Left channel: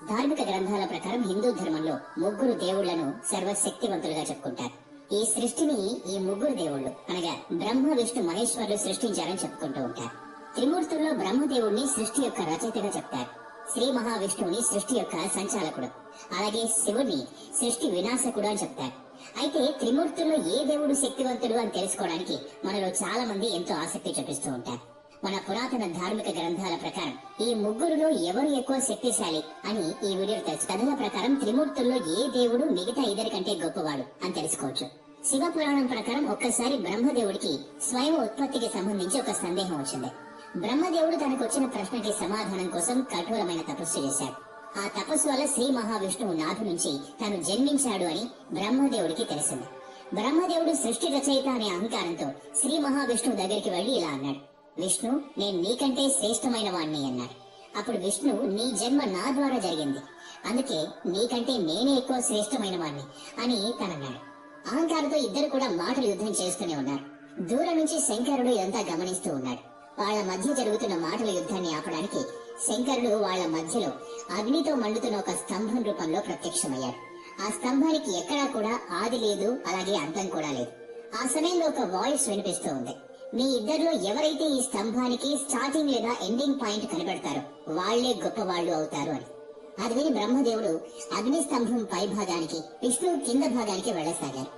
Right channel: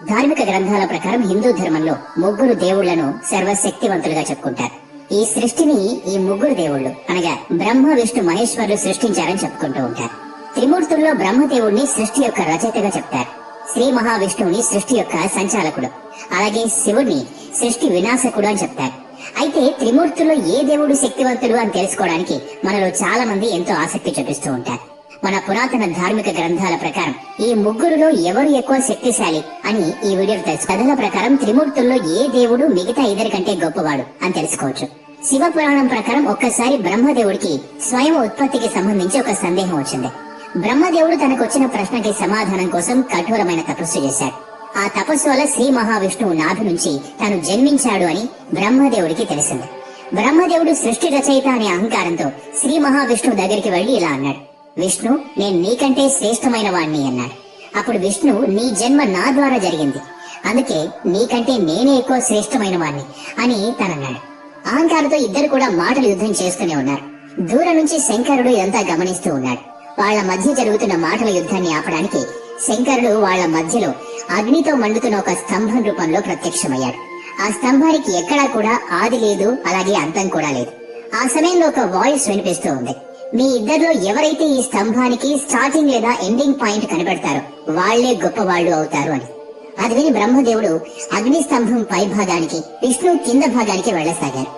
ధార్మిక గ్రంథాల ప్రకారం హిందూ ధర్మంలో ముగ్గురు దేవుళ్లను సర్వశక్తివంతులుగా చెప్పుకుంటారు. ఈ సృష్టిని ఈ ముగ్గురు దేవుళ్లు అనగా బ్రహ్మ, విష్ణు, మహేశ్వరులు సృష్టించారని చెప్పుకుంటూ ఉంటారు. త్రిమూర్తుల్లో బ్రహ్మదేవుడిని సృష్టి యొక్క రచయితగా చెప్తారు. శ్రీ మహావిష్ణువుని సృష్టి యొక్క సంచాలకుడు, అలాగే శివుడిని సృష్టి వినాశకుడు అని చెప్తారు. అయితే త్రిమూర్తుల్లో ఏ దేవుడు శక్తివంతుడు అని తెలుసుకోవడానికి మనలో చాలా మంది ఎంతో ఆసక్తి చూపిస్తూ ఉంటారు. మన పురాతన ధార్మిక గ్రంథాల ప్రకారం ఈ ముగ్గురులో ఎవరు ఎక్కువ శక్తిశాలి అని ఈ వీడియోలో తెలుసు. కథల ప్రకారం త్రిమూర్తుల్లో ఏ దేవుడు మిగతా ఇద్దరి కంటే గొప్పవాడు అని తెలుసుకోవచ్చు. శివ పురాణం ప్రకారం ఒక్కసారి బ్రహ్మదేవుడికి స్వయం ఉత్పత్తికి సంబంధించి ఒక సందేహం వచ్చింది. బ్రహ్మదేవుడు తనకు వచ్చిన ప్రశ్నకి సమాధానం కోసం కఠోరమైన తపస్సు చేశాడు. ఆ తపస్సు వల్ల శ్రీ మహావిష్ణువు నాభి నుంచి తాను జన్మించాడు అని బ్రహ్మదేవుడికి తెలిసింది. బ్రహ్మదేవుడు సృష్టి రచయిత అనే అహంకారంతో శ్రీ మహావిష్ణువు దగ్గరికి వెళ్లి ఇలా అన్నాడు: విష్ణు, నేను నీకంటే శ్రేష్టమైన వాణ్ణి అన్నాడు. అప్పుడు విష్ణు, నీ జన్మ నా ద్వారా జరిగింది, అందుకే నీకంటే నేనే ఎక్కువ శ్రేష్టమైన వాణ్ణి అని తనన్నాడు. అహంకారంతో ఇద్దరు కూడా మాటలు యుద్ధం చేస్తూనే ఉన్నారు. దూరం నుంచి శంకరుడు ఇదంతా గమనిస్తూ ఉన్నాడు. వాళ్ల మధ్య జరుగుతున్న మాటల యుద్ధాన్ని ఆపడానికి శంకరుడు వాళ్ల మధ్యలో అగ్నితో మండుతున్న ఒక స్తంభం రూపంలో ప్రత్యక్షమయ్యాడు. ఆ స్తంభానికి ఎక్కడా కూడా ఆది లేదు, అలాగే అంతం కూడా లేదు. ఆ సమయంలో ఒక వాయిస్ వినిపిస్తూ ఉంది: మీ ఇద్దరిలో ఎవరైతే ఈ స్తంభానికి స్టార్టింగ్ లేదా ఎండింగ్ పాయింట్ కనిపెడతారో వాళ్లే గొప్పవాళ్లు అవుతారు అని. అది విని బ్రహ్మదేవుడు అగ్ని స్తంభం పై భాగానికి, విష్ణు కింద భాగానికి వెళ్లసాగారు.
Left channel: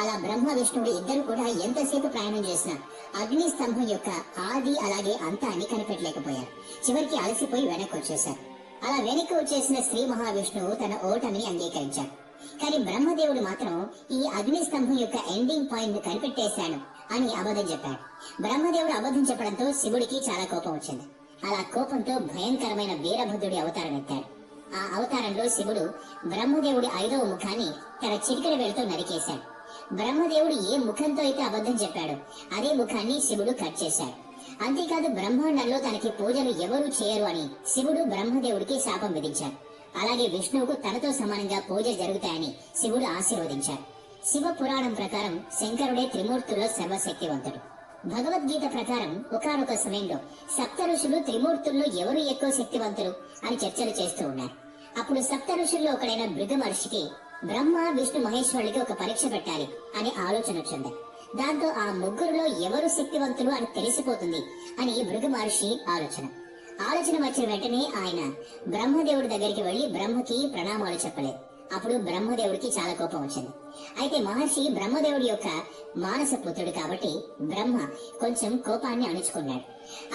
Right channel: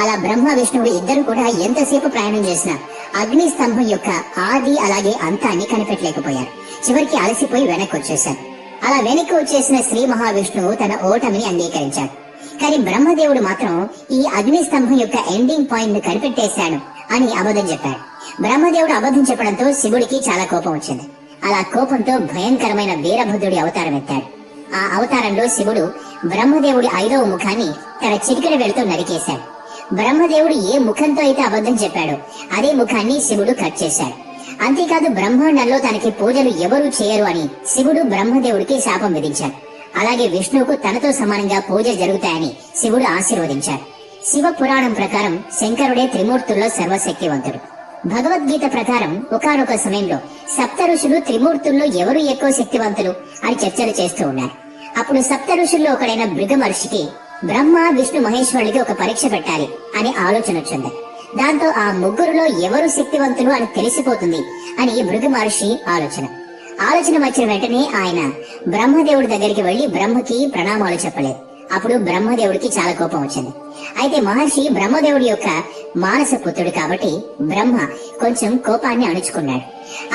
అలా బ్రహ్మ విష్ణువుడు ఇద్దరు కూడా ఎంతసేపు ప్రయాణం చేసినా అగ్ని స్తంభం యొక్క ఆది అలాగే అంతాన్ని కనిపెట్టలేకపోయారు. చివరికి అలసిపోయి వెనక్కి వచ్చేశారు. అలా వెనక్కి వచ్చేసిన శ్రీ మహావిష్ణువు తన ఓటమిని అంగీకరించాడు. కానీ బ్రహ్మదేవుడు మాత్రం ఈ అగ్ని స్తంభం యొక్క ఎండింగ్ పాయింట్ ను కనిపెట్టేశాడు అని అబద్ధం చెప్పాడు. బ్రహ్మదేవుడు అబద్ధం చెప్పడంతో శివుడికి చాలా కోపం వచ్చింది. అలా కోపంతో భయంకరమైన వీరభద్రుడి అవతారం ఎత్తాడు. ఆ అవతారంలో శివుడు బ్రహ్మదేవుడి 5వ ముఖాన్ని తన చిటికెన వేలుతో నరికేశాడు. బ్రహ్మదేవుడు ఏ ముఖంతో అయితే అబద్ధం చెప్పాడో అదే ముఖాన్ని శివుడు కట్ చేశాడు. అంతేకాదు బ్రహ్మాండంలో తనకి పూజలు ఎవరూ చేయరు అని శివుడు బ్రహ్మదేవుడికి శాపం విధించాడు. అలాగే విష్ణువుకు తనతో సమానంగా పూజలు జరుగుతాయని శివుడు ఆశీర్వదించాడు. శివ పురాణం ప్రకారం శంకరుడే త్రిమూర్తుల్లో సర్వశక్తివంతుడు. భగవద్గీత ప్రకారం ఒకానొక సమయంలో సప్త ఋషులు త్రిమూర్తుల్లో ఎవరు ఎక్కువ శక్తివంతులు అని చర్చలు చేస్తూ ఉన్నారు. అప్పుడు సప్త ఋషుల్లో ఒకడైన భృగ మహర్షికి బ్రహ్మ, విష్ణు, మహేశ్వరుడికి ఒక పరీక్ష పెట్టాలి అనే ఆలోచన వచ్చింది. దాంతో ఆ ముగ్గురులో ఎవరు శక్తివంతులు అని తెలిసిపోతుంది అని భృగ మహర్షి ఆలోచన వచ్చిన వెంటనే ఆయన బ్రహ్మదేవుడి దగ్గరికి వెళ్లి బ్రహ్మకి ప్రణామాలు చెప్పలేదు. అప్పుడు బ్రహ్మదేవుడికి చాలా కోపం వచ్చింది. అయితే మహర్షి బ్రహ్మదేవుడి యొక్క మానస పుత్రుడు కాబట్టి బ్రహ్మ కొంచెం కోపాన్ని అణుచుకున్నాడు.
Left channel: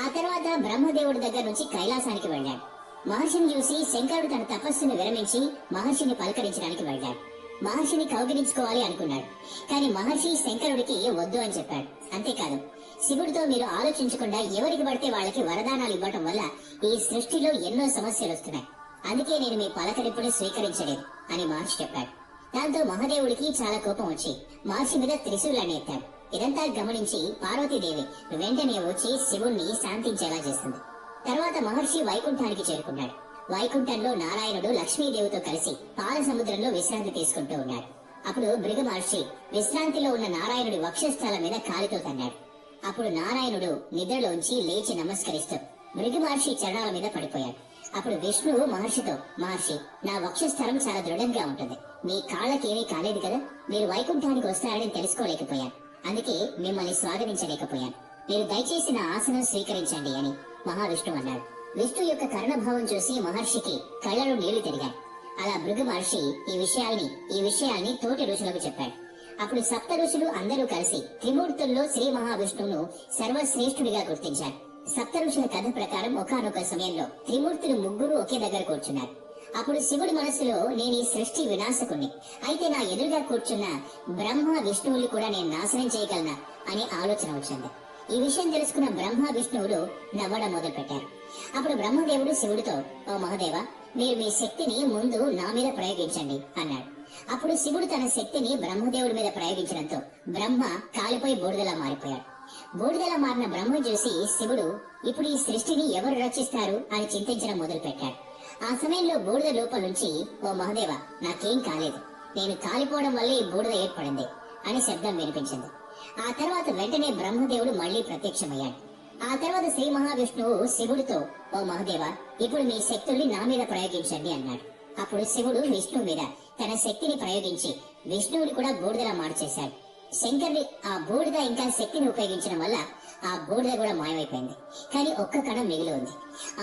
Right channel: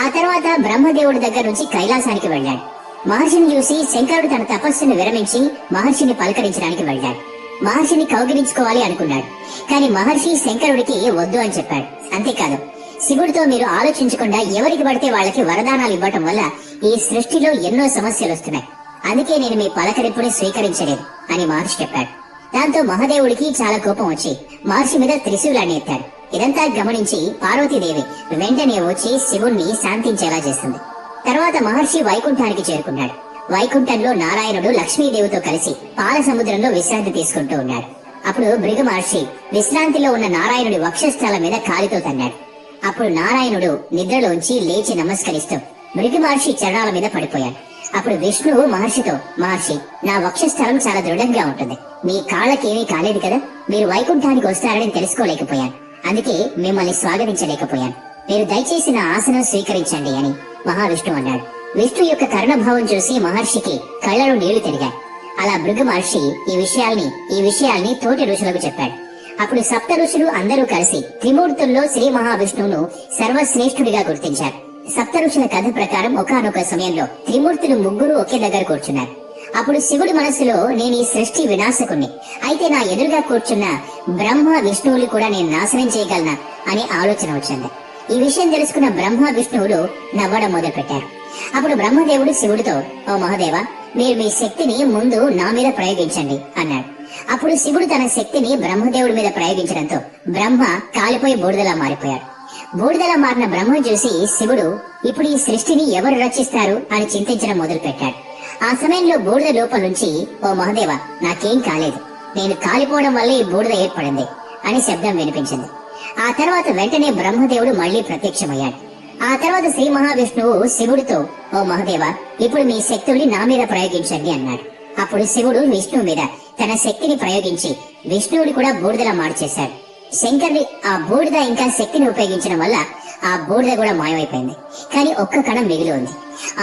ఆ తర్వాత బ్రహ్మదేవుడి దగ్గర నుంచి కైలాసానికి వెళ్ళాడు. మహర్షిని చూసి శంకరుడు తన తపస్సును విరమించి మహర్షిని పలకరించడానికి వెళ్ళాడు. మహర్షిని కౌగిలించుకోవాలి అనుకున్నాడు. కానీ మహర్షి శంకరుడికి వద్దు అని చెప్పాడు. అంతేకాదు, శివుడితో మీరు ఆలోచించకుండా ఎవరికి పడితే వాళ్ళకి వరదానాలు ఇవ్వటం వల్ల ఈ సృష్టిలో ఎన్నో సమస్యలు వస్తున్నాయి, అందుకే నేను మీ పలకరింపుని స్వీకరించలేదు అని మహర్షి చెప్పాడు. దాంతో మహాదేవుడికి చాలా కోపం వచ్చి మహర్షి మీద త్రిశూలాన్ని ఎత్తాడు. ఇదంతా గమనించి పార్వతీదేవి వెంటనే వచ్చి శివుణ్ణి శాంతించేలా చేస్తుంది. తర్వాత మహర్షి వైకుంఠానికి చేరుకున్నాడు. వైకుంఠంలో నారాయణుడు లక్ష్మీదేవితో కలిసి పాల సముద్రంలో విశ్రాంతి తీసుకుంటూ ఉన్నాడు. అప్పుడు భృగ మహర్షి విశ్రాంతిలో ఉన్న నారాయణుడి వక్షస్థలం మీద కాలితో తన్నాడు. అప్పుడు నారాయణుడు నిద్రలోంచి లేచి నమస్కరిస్తూ భృగ మహర్షి చరణాల మీద పడిపోయాడు. అప్పుడు విష్ణువు మహర్షితో, మహర్షి, నా వక్షస్థలం చాలా దృఢంగా ఉంటుంది, మీ కాళ్ళకేమీ కాలేదు కదా, మీరు వైకుంఠానికి వస్తారని తెలుసుకోలేకపోయాను, అందుకే మిమ్మల్ని స్వాగతించలేకపోయాను, మీరు దయచేసి నా ఆసనం స్వీకరించండి అని మహావిష్ణువు అన్నాడు. విష్ణు యొక్క కరుణభావం చూసి మహర్షికి కళ్ళలో నీళ్లు తిరిగాయి. అలా భృగ మహర్షి ఈ విషయాల్ని తోటి ఋషులకు చెప్పాడు. అప్పుడు సప్త ఋషులు అందరూ కలిసి త్రిమూర్తుల్లో శ్రీ మహావిష్ణువును సర్వశ్రేష్ఠుడిగా గుర్తించారు. సప్త ఋషుల కథ ప్రకారం ఒకానొక సమయంలో త్రిమూర్తులు ముగ్గురు ఒకే దగ్గర కూర్చున్నారు. అప్పుడు శివుడి మనసులో, నేను ఈ సృష్టి వినాశకుణ్ణి, అయితే నా ఎదురుగా కూర్చున్న బ్రహ్మ, విష్ణువులు కూడా నేను నాశనం చేయగలనా అనే ఆలోచన వచ్చింది. ఈ విషయం తెలుసుకున్న బ్రహ్మ, విష్ణువులు నవ్వడం మొదలు పెట్టారు. అప్పుడు బ్రహ్మదేవుడు శివుడితో, ఓ మహాదేవ, మీరు మీ శక్తిని ముందు నా మీద ప్రయోగించండి అన్నాడు. అప్పుడు శివుడు తన శక్తిని బ్రహ్మదేవుడి మీద ప్రయోగించడంతో బ్రహ్మ కాలిపోయి బూడిదలా మారిపోయాడు. బూడిదలా మారిన బ్రహ్మ చూసి శివుడు, ఇప్పుడు ఈ సృష్టిని ఎవరు రచిస్తారు అని చింతించడం మొదలు పెట్టాడు. ఆ సమయంలో బూడిద లోపల నుంచి, ఓ మహాదేవ, నాకేం కాలేదు, నేను కాలిపోవడం వల్ల ఈ బూడిద ఏర్పడింది అని శబ్దం వినిపించింది. ఆ తర్వాత వెంటనే బ్రహ్మదేవుడు మళ్లీ ప్రత్యక్షమయ్యాడు. ఆ తర్వాత శ్రీ మహావిష్ణువు శివుడితో, ఓ మహదేవ, ఇప్పుడు మీ శక్తుల్ని నా మీద ప్రయోగించండి అన్నాడు. అప్పుడు శివుడు విష్ణువు మీద తన శక్తిని ప్రయోగించి విష్ణువుని కూడా బూడిదలా మార్చేశాడు. శంకరుడి ఆ బూడిద ఇంకా శక్తిని ఉపయోగించడం వల్ల ఆ బూడిద కూడా మాయమైపోయింది. కానీ ఒక్క కణం మిగిలి ఉంది.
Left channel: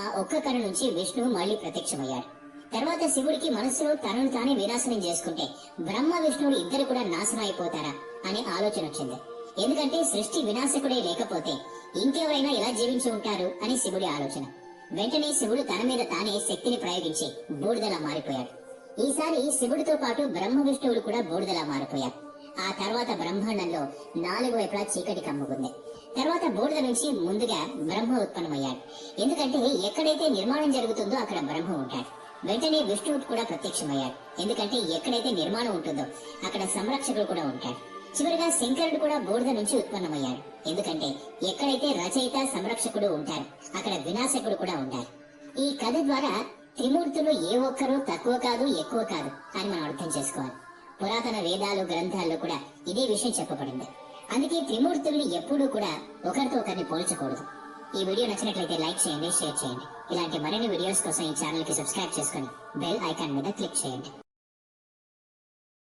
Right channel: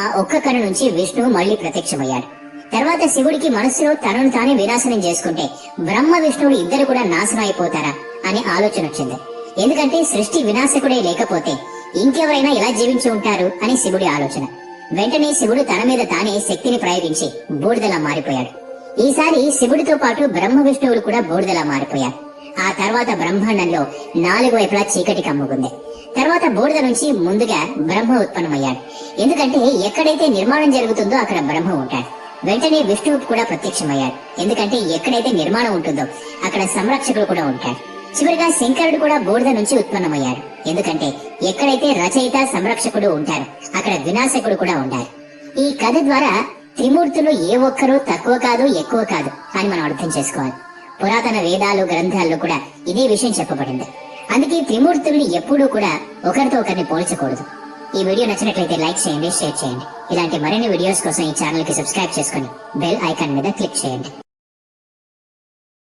ఆ ఒక్క కణం నుంచి విష్ణువు మళ్లీ ప్రత్యక్షమయ్యాడు. తర్వాత శివుడికి మనసులో తనను తానే వినాశనం చేసుకుంటే బ్రహ్మ విష్ణువులు ఇద్దరు కూడా నాశనం అయిపోతారా అనే ఆలోచన వచ్చింది. ఎందుకంటే సృష్టి వినాశకుడే లేకపోతే ఇంకెవరైనా ఎలా జీవించి ఉంటారు అని శివుడి ఆలోచన. వెంటనే శివుడు తన మీద తానే శక్తిని ప్రయోగించి బూడిదలా మారిపోయాడు. ఈసారి శివుడితో పాటు బ్రహ్మ విష్ణువులు కూడా బూడిదలా మారిపోయారు. ఆ తర్వాత బ్రహ్మాండంలో 4 వైపులా చీకటి కమ్ముకుంది. తర్వాత బూడిద నుంచి ముందుగా బ్రహ్మ ఉత్పన్నమయ్యాడు. ఎందుకంటే ఎక్కడైతే నిర్మాణం జరుగుతుందో అక్కడ బ్రహ్మ ఉంటాడు. వెంటనే విష్ణువు కూడా ప్రత్యక్షమయ్యాడు. ఎందుకంటే ఎక్కడైతే నిర్మాణం ఉంటుందో అక్కడ సంరక్షకుడు కూడా ఉంటాడు. చివరిగా శంకరుడు కూడా బూడిద నుంచి ఉత్పన్నమయ్యాడు. ఎందుకంటే ఎక్కడైతే రచయిత సంరక్షకుడు ఉంటారు అక్కడ వినాశకుడు కూడా ఉంటారు. ఈ కథ ద్వారా త్రిమూర్తులు ఏ ఒక్కరూ తక్కువ కాదు ఎక్కువ కాదు అని మనం అర్థం చేసుకోవాలి. పురాతన వేదాలు గ్రంథాల్లో కూడా ఇదే విషయం చెప్పబడింది. అందుకే త్రిమూర్తుల్ని ఎప్పుడూ కూడా ఒకరితో ఒకరిని పోల్చకూడదు. ఈ వీడియో నచ్చినట్లయితే లైక్ చేయండి, షేర్ చేయండి. ఇలాంటి మరిన్ని వీడియోస్ కోసం ఈ ఛానల్ కి సబ్స్క్రైబ్ చేసుకుని బెల్ ఐకాన్ మీద క్లిక్ చేయండి.